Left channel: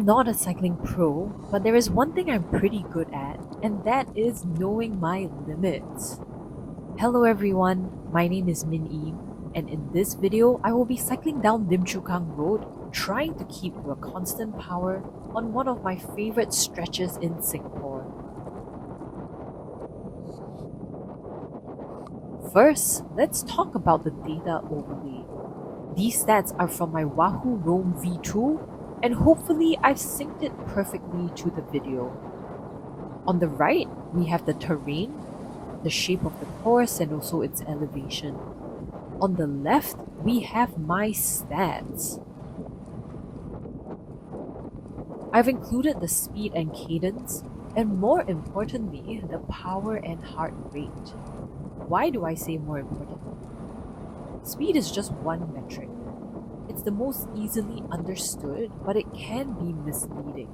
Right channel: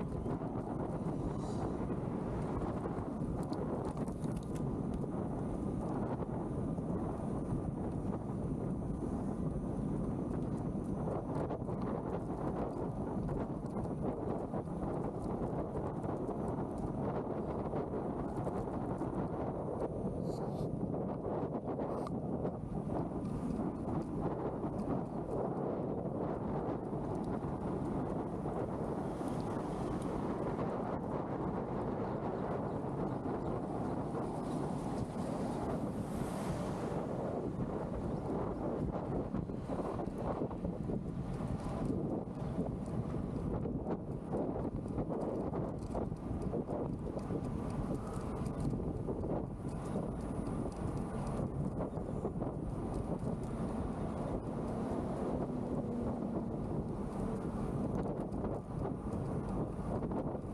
I'm not a cycling pro, but there is one thing I'm pretty good at, and that is knowing my limits. Hello everyone, my name is Min Yi, and in this video, I will be cycling down Lim Chu Kang Road, trying to keep your constant power on one of my favorite stretches in Singapore. First, let's talk about the data overlay. These stats are from my Wahoo Roam V2, and hopefully I've synced it perfectly to the video. On the right, we have the terrain, the shape of the course, and also its elevation. On the left, we have my stats. I've included the speed and cadence, and more importantly, the power and heart rate. Why do I say more important? Speed is just one metric. It's the most easily understood, but it can be misleading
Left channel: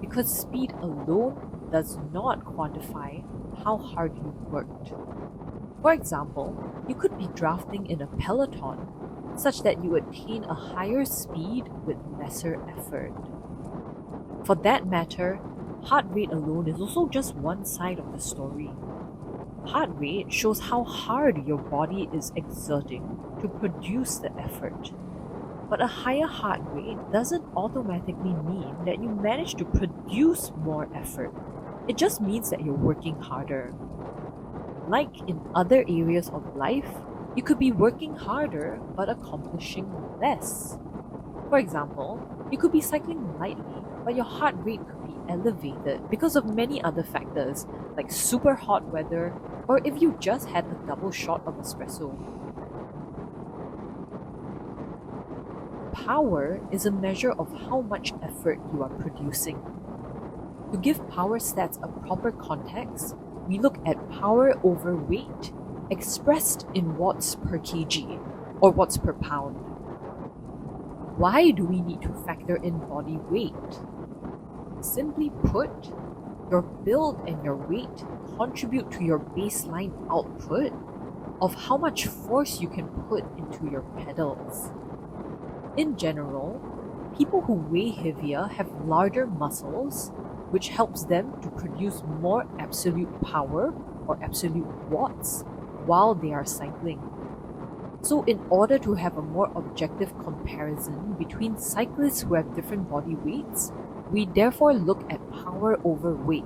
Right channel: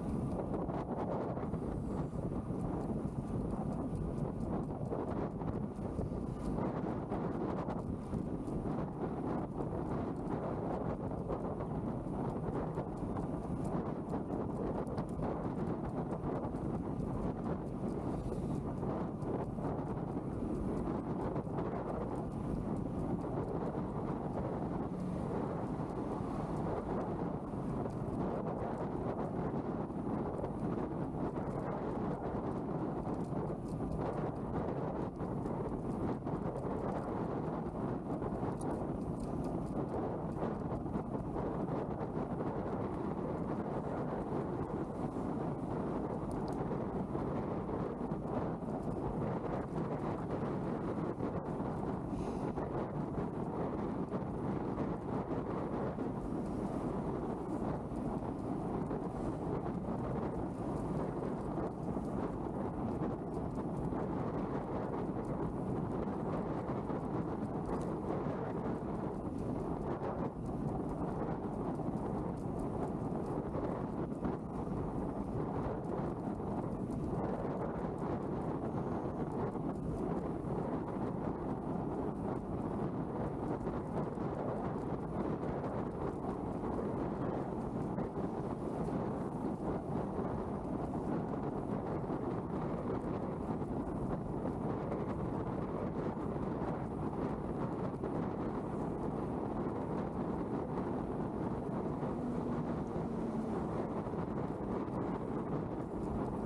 because speed alone does not quantify how hard you worked. For example, you could be drafting in a peloton such that you attain a higher speed with lesser effort. For that matter, heart rate alone is also just one side of the story. Heart rate shows how hard your body is exerting to produce the effort. But a higher heart rate doesn't automatically mean that you manage to produce more effort. It just means that you're working harder. Like in other areas of life, you could be working harder but accomplishing less. For example, you could be cycling lightly, but your heart rate could be elevated because of many other factors, like super hot weather, or if you just had a double shot of espresso. Power is a measure of how much effort you are producing. To give power stats a proper context, we look at power over weight, expressed in watts per kg, or watts per pound. Why do we need to factor in body weight? Simply put, your build and your weight contribute to your baseline output of how much force you can put into your pedals. In general, people who weigh heavier have larger muscles, which helps them to produce more absolute power or absolute watts while they are cycling. So in order to have a more objective comparison between cyclists who have different body weights, we therefore look at power over weight,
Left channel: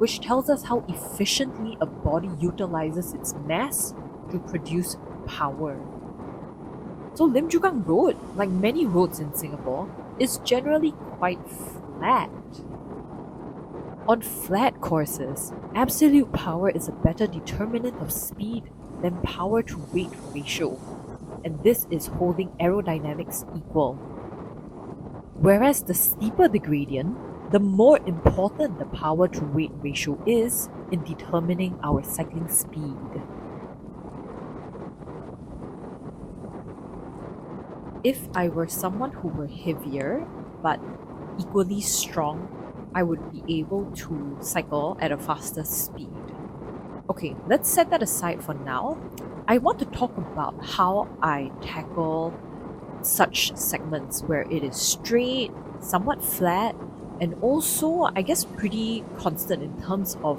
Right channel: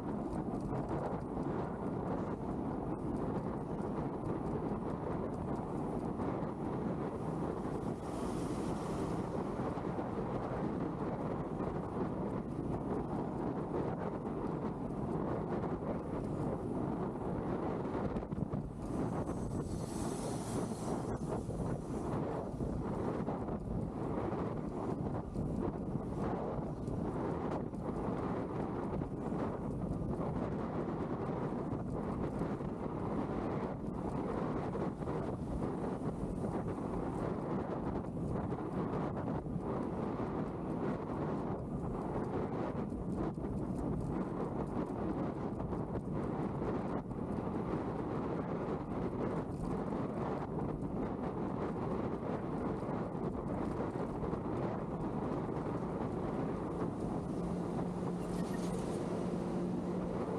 which tells us how efficiently a body utilizes its mass to produce power. So Lim Chu Kang Road, like many roads in Singapore, is generally quite flat. On flat courses, absolute power is a better determinant of speed than power to weight ratio, and this is holding aerodynamics equal. Whereas the steeper the gradient, the more important the power to weight ratio is in determining our cycling speed. If I were someone who were heavier but equally strong, I would be able to cycle at a faster speed. Okay, let's set that aside for now. I want to talk about how I tackle such segments where it is straight, somewhat flat, and also, I guess, pretty constant in terms of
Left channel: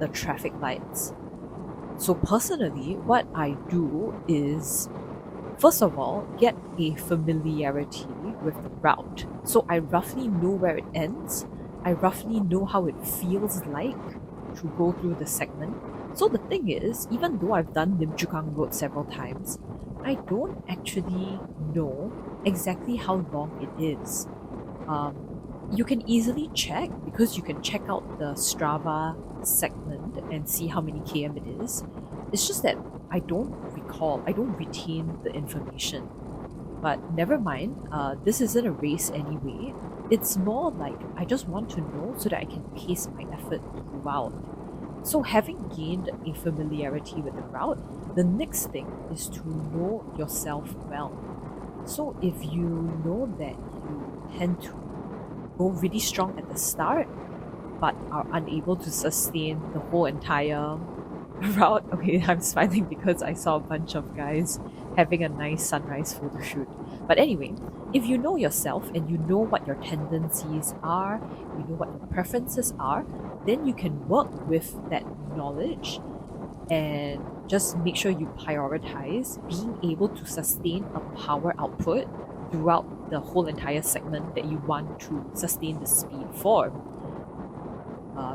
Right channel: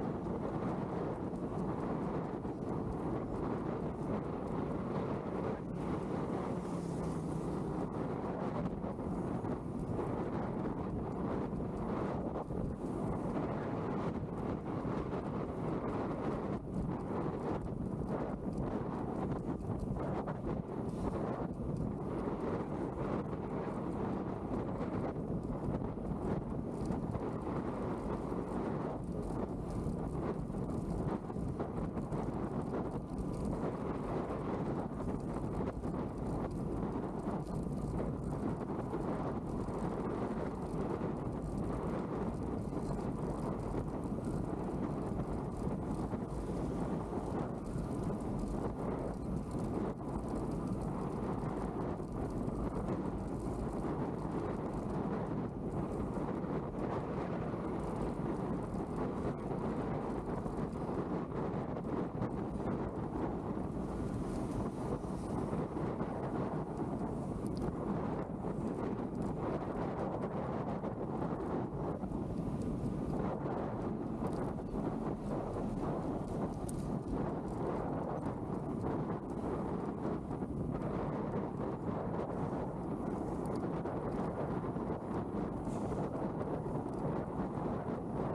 the traffic lights. So personally, what I do is, first of all, get a familiarity with the route. So I roughly know where it ends. I roughly know how it feels like to go through the segment. So the thing is, even though I've done Lim Chu Kang Road several times, I don't actually know exactly how long it is. You can easily check because you can check out the Strava segment and see how many km it is. It's just that I don't recall, I don't retain the information. But never mind, this isn't a race anyway. It's more like I just want to know so that I can pace my effort throughout. So having gained a familiarity with the route, the next thing is to know yourself well. So if you know that you tend to go really strong at the start, but are unable to sustain the whole entire route. Okay, I'm smiling because I saw a bunch of guys having a nice sunrise photo shoot. But anyway, if you know yourself and you know what your tendencies are, you know what your preferences are, then you can work with that knowledge and just make sure you prioritize being able to sustain a power output throughout the whole entire segment that you want to sustain the speed for.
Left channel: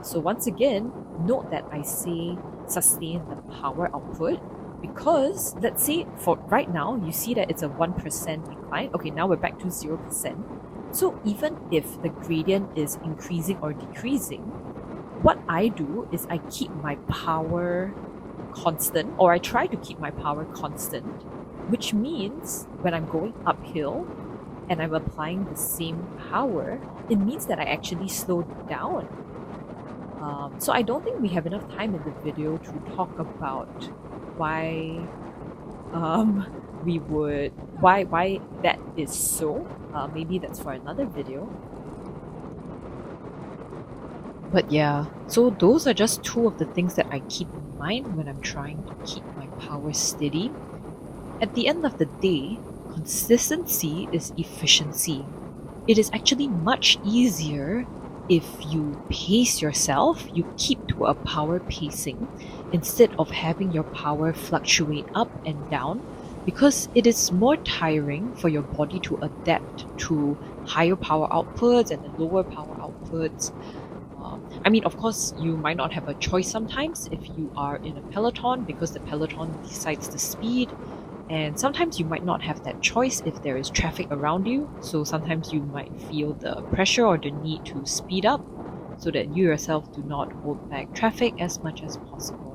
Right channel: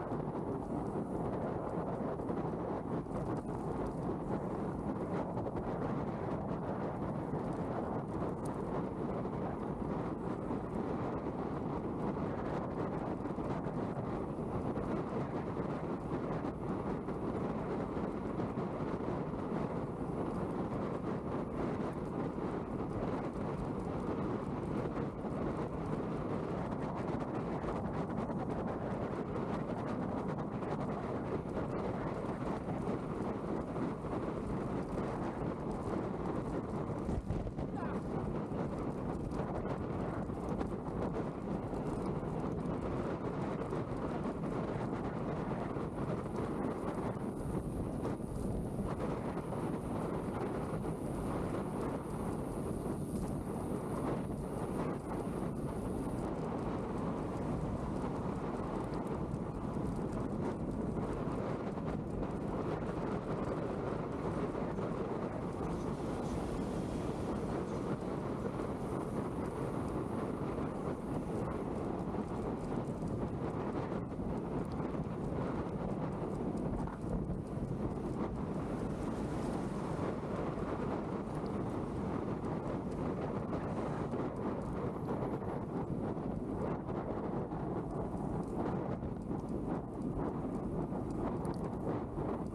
So once again, note that I say sustain the power output because let's say for right now, you see that it's a 1% decline. Okay, now we're back to 0%. So even if the gradient is increasing or decreasing, what I do is I keep my power constant, or I try to keep my power constant, which means when I'm going uphill and I'm applying the same power, it means that I actually slow down. So I don't think we have enough time in the video to talk about why why that is so. Maybe that's for another video. But yeah, so those are just two of the things that I keep in mind when I'm trying to keep my power steady. At the end of the day, consistency is efficiency. It is actually much easier if you pace yourself, you keep to a power pacing instead of having your power fluctuate up and down, because it is more tiring for your body to adapt to higher power outputs and lower power outputs. I mean, of course, you might not have a choice sometimes if you are in a peloton because the peloton decides the speed. And sometimes you might not have that choice if there is traffic around you. So sometimes you might feel the pressure or the need to speed up so that you yourself do not hold back traffic as much as possible.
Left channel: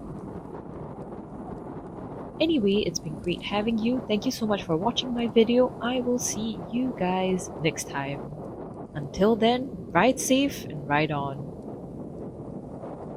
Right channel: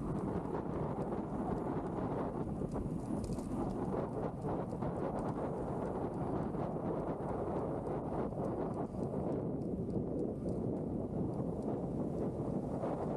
Anyway, it's been great having you. Thank you so much for watching my video. I will see you guys next time. Until then, ride safe and ride on.